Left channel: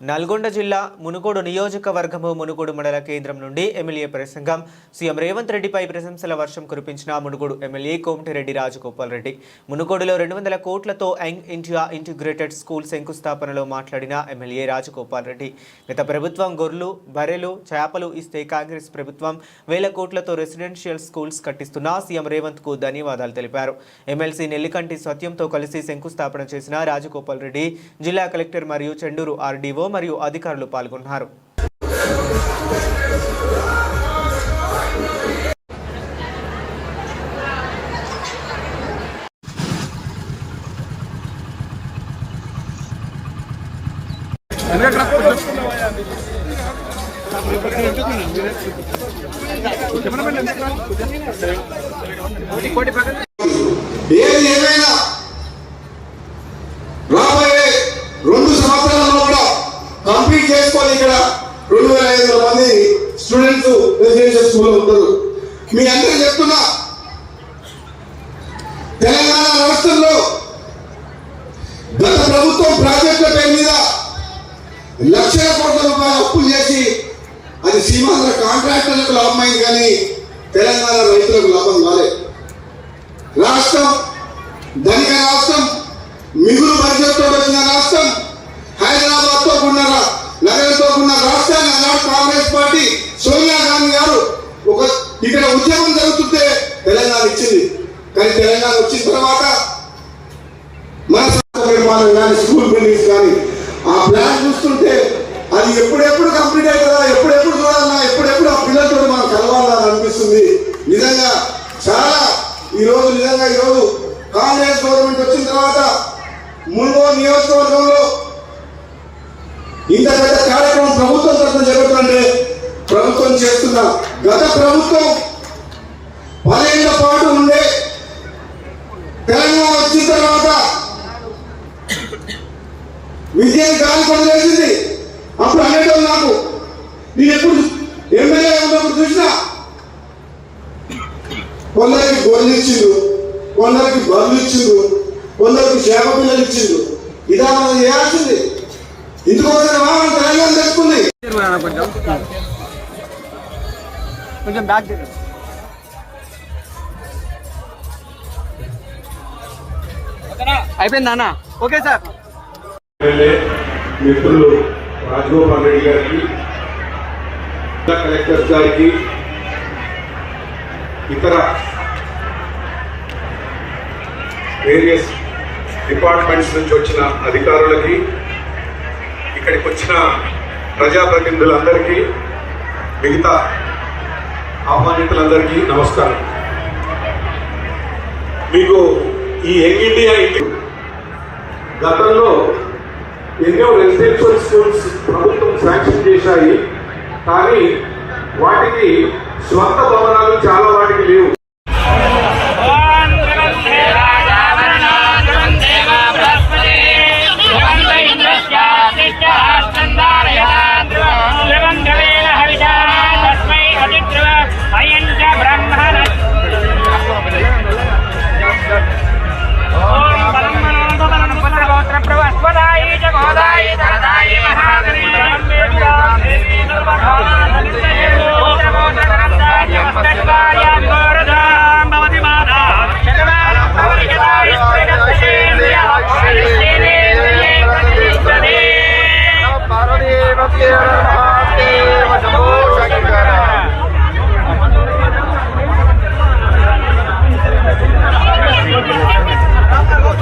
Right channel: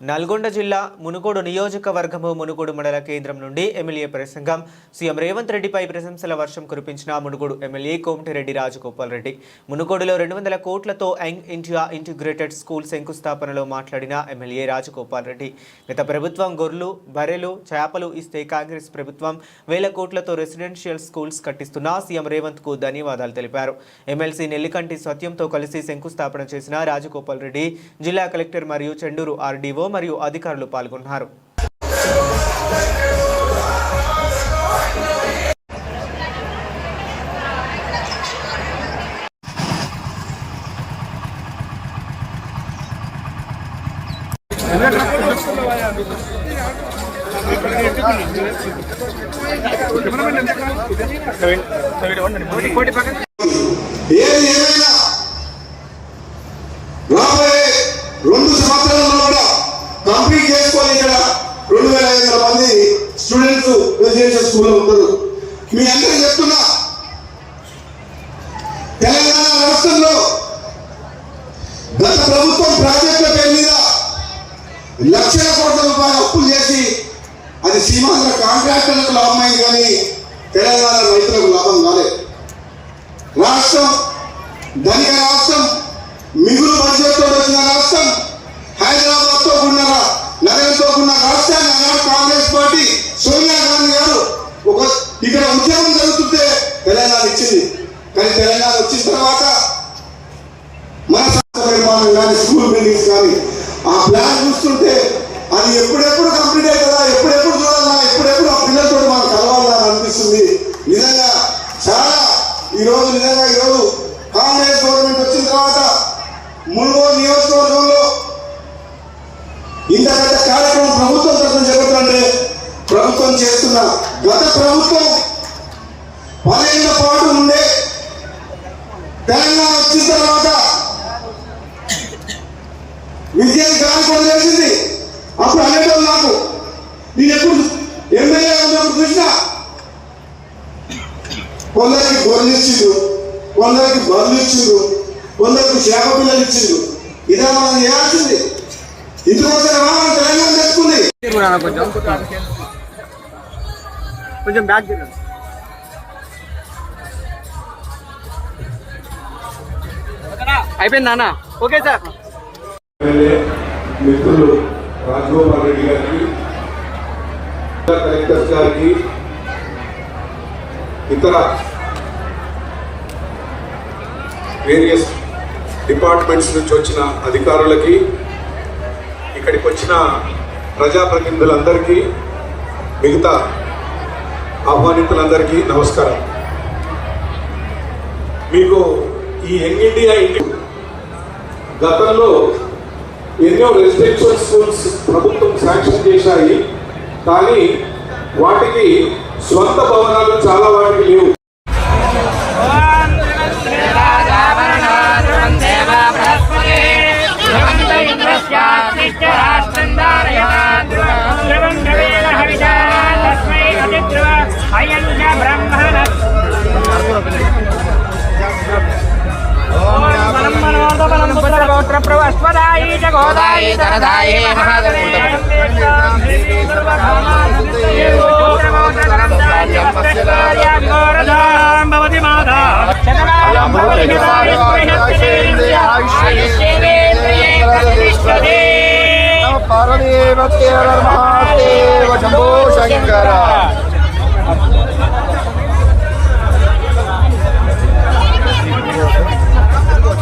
నల్గొండ జిల్లా మునుగోడు నియోజకవర్గము మునుగోడు మండల కేంద్రం నుండి ఎమ్మెల్యే ప్రసంగం. సీఎం రేవంత్ రెడ్డిపై ప్రశంసల వర్షం కురిపించిన మునుగోడు ఎమ్మెల్యే కోమటిరెడ్డి రాజగోపాల్ రెడ్డి. మునుగోడులో 200 కోట్లతో యంగ్ ఇండియా ఇంటిగ్రేటెడ్ స్కూల్ శంకుస్థాపనలో మాట్లాడిన ఎమ్మెల్యే రాజగోపాల్ రెడ్డి, గత ప్రభుత్వం గొర్రెలు, బర్రెలు, చేపలు ఇస్తే కాంగ్రెస్ ప్రభుత్వం 1000 కోట్లతో రెసిడెన్షియల్ స్కూల్స్ కట్టిస్తున్న సీఎం రేవంత్ కు ధన్యవాదాలు తెలిపారు. ఎమ్మెల్సీ నెల్లికంటి సత్యంతో కలిసి శంకుస్థాపన చేసిన రాజగోపాల్ రెడ్డి జిల్లా కలెక్టర్ మరియు చెండూరు ఆర్డీఓ మరియు అధికారులు పాల్గొన్నారు. కంప్లీట్ చేసుకొని ఇక్కడ 2500 మంది స్టూడెంట్స్ రెసిడెన్షియల్ స్కూల్లో ఉంటారు. మీ అందరికీ చెప్తున్నా, తెలంగాణ రాష్ట్రంలో గత ప్రభుత్వం ప్రాజెక్టుల పేరు మీద లక్షల కోట్ల రూపాయలు అప్పులు చేసి అది సీమాంధ్ర కాంట్రాక్టర్లకు లాభమైంది, కానీ తెలంగాణ రైతులకు లాభం కాలేదు. రాష్ట్రం ధనిక రాష్ట్రం, మిగులు బడ్జెట్తో వచ్చిన రాష్ట్రం, హైదరాబాద్ తో ఉన్న నగరంతో ఉన్న రాష్ట్రాన్ని కాంగ్రెస్ పార్టీ సోనియా గాంధీ గారు ఇక్కడ ఉద్యమం జరుగుతుంటే తెలంగాణ ఇచ్చింది. కానీ తెలంగాణ వచ్చిన తర్వాత మన స్కూల్ బిల్డింగ్స్ కానీ ఆ ప్లాన్ చూస్తుంటే అది ఎప్పుడెప్పుడు కంప్లీట్ అవుతుందా, ఎప్పుడెప్పుడు చూడాలన్నా, ఎప్పుడెప్పుడు ఆ పిల్లలతో మనం కలవాలని అనిపిస్తుంది. నిజంగా చాలా ఈరోజు కాంగ్రెస్ గవర్నమెంట్ వచ్చిన తర్వాత మునుగోడు నియోజకవర్గంలో ఇంత పెద్ద కార్యక్రమం ప్రభుత్వం తరఫున జరుగుతుంటే ప్రభుత్వం చేస్తున్న గత ప్రభుత్వం 10 ఏళ్ల పాటు ఉండే తెలంగాణ వచ్చిన తర్వాత విజయం కానుకొని చేసింది. అప్పుడు అనేటో నాకు నేను ఎప్పుడు ఎమ్మెల్యే ఉన్నప్పుడు చూసినా కొందరికి గొర్రెలు ఇచ్చిండు, కొందరికి బర్రెలు ఇచ్చిండు, కొందరికి చేప పిల్లలు ఇచ్చిండు. ఇదా మనం చేయాల్సింది. కొంచెం బ్యాక్ అయిపోయిందా అన్న? Okay sir. మిత్రులు రాజగోపాల్ రెడ్డి గారికి, కలెక్టర్ గారికి, ఇతర వేరియస్ డిపార్ట్మెంట్స్ నుంచి వచ్చిన అధికారులకి, ఇక్కడికి వచ్చిన ప్రజాప్రతినిధులందరికీ, మిగతా ఆహ్వానితులందరికీ నమస్కారం. మీకు ఈ యంగ్ ఇండియా గతంలో ఎన్నో రెసిడెన్షియల్ స్కూల్స్ ప్రభుత్వం శాంక్షన్ చేశాయి, కానీ వాటికి స్వంత భవనాలు చాలా వాటికి లేవు. Terima kasih.